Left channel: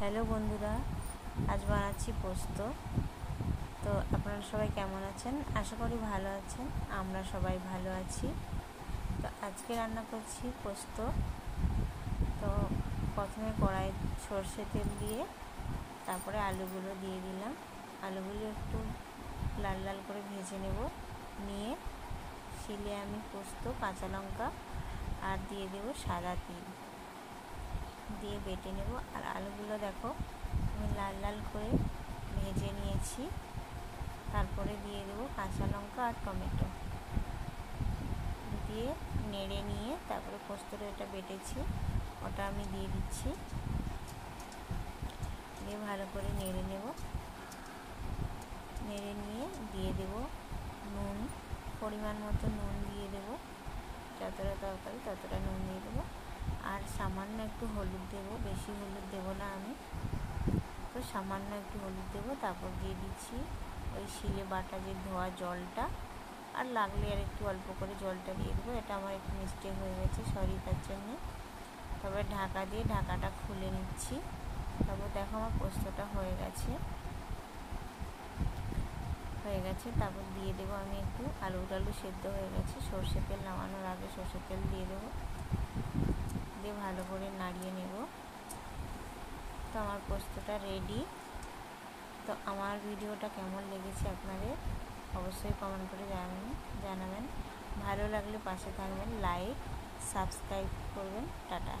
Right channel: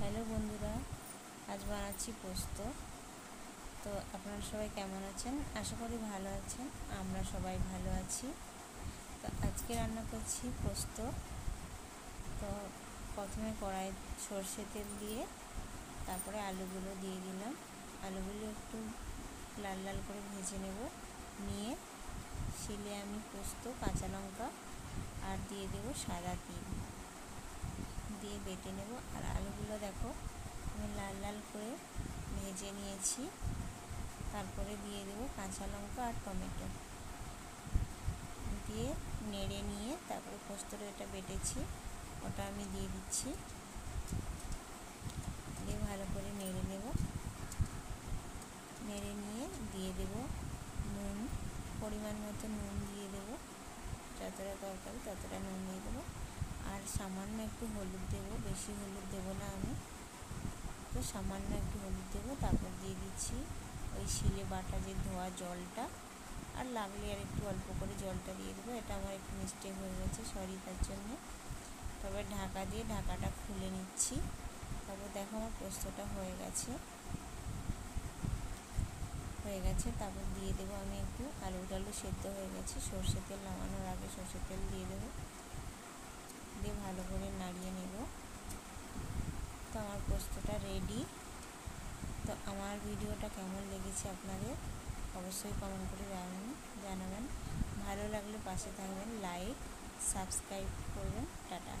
Hello বন্ধুরা, আজ বানাচ্ছি পোস্ত। তো আপনারা সবাই কেমন আছেন? আশা করি ভালো আছেন। আমরা সবাই ভালো আছি। তো আজকে রান্না করছি পোস্ত। তো প্রথমে কড়াই সর্ষে তেল দিয়ে তারপরে আলুগুলো দিয়ে দিলাম। আলুগুলো একটু লাল লাল করে ভেজে নিয়ে শিলে আমি পোস্ত, কাঁচা লঙ্কা আর দিয়ে দেবো সাদা তিল দিয়ে বেটে নেব। আর আলুগুলো দেখো আমি লাল লাল করে ভেজে নিয়েছি। তারপরে দিয়ে দেবো কাঁচা লঙ্কা আর টমেটো দিয়ে নেড়ে নিয়ে তারপরে পোস্তটা এটা বেটেছি ওটা আমি দিয়ে দিচ্ছি। দিয়ে ভালো করে নেড়ে নেব। নেড়ে নিয়ে দিয়ে দেব নুন, পরিমাণ মতো নুন দিয়ে দেব। যতটা তরকারি ততটা নুন দিয়ে দেবো। আর সামান্য একটু হলুদ দেবো, বেশি হলুদ দেবো না আমি, তো সামান্য একটু হলুদ দেবো। তারপর দিয়ে দিচ্ছি ওই শিলে বাটা যে ধোয়া জলটা, আর লাগলে আর একটু অল্প করে জলটা দিয়ে দেবো। এটা আমার একটু মিস্টেক হয়ে গেছে, সরি তার জন্যে। তারপরে ঢাকা দিয়ে ঢাকাটা খুলে নিচ্ছি। তারপর দেখো আমার পোস্তটা হয়ে গেছে। তারপর দিয়ে দেবো আমি একটু আলু সেদ্ধ হয়ে গেছে, সর্ষে তেল নামানোর আগে সর্ষে তেল দিয়ে দেবো। দিয়ে ভালো করে নাড়িয়ে নেব। তো আমার পোস্তটা রেডি। তো আমার ভিডিওটা কেমন লেগেছে আপনাদের অবশ্যই কমেন্ট করে জানাবেন। ভালো লাগলে পাশে থাকবেন, লাইক সাবস্ক্রাইব করবেন। টাটা।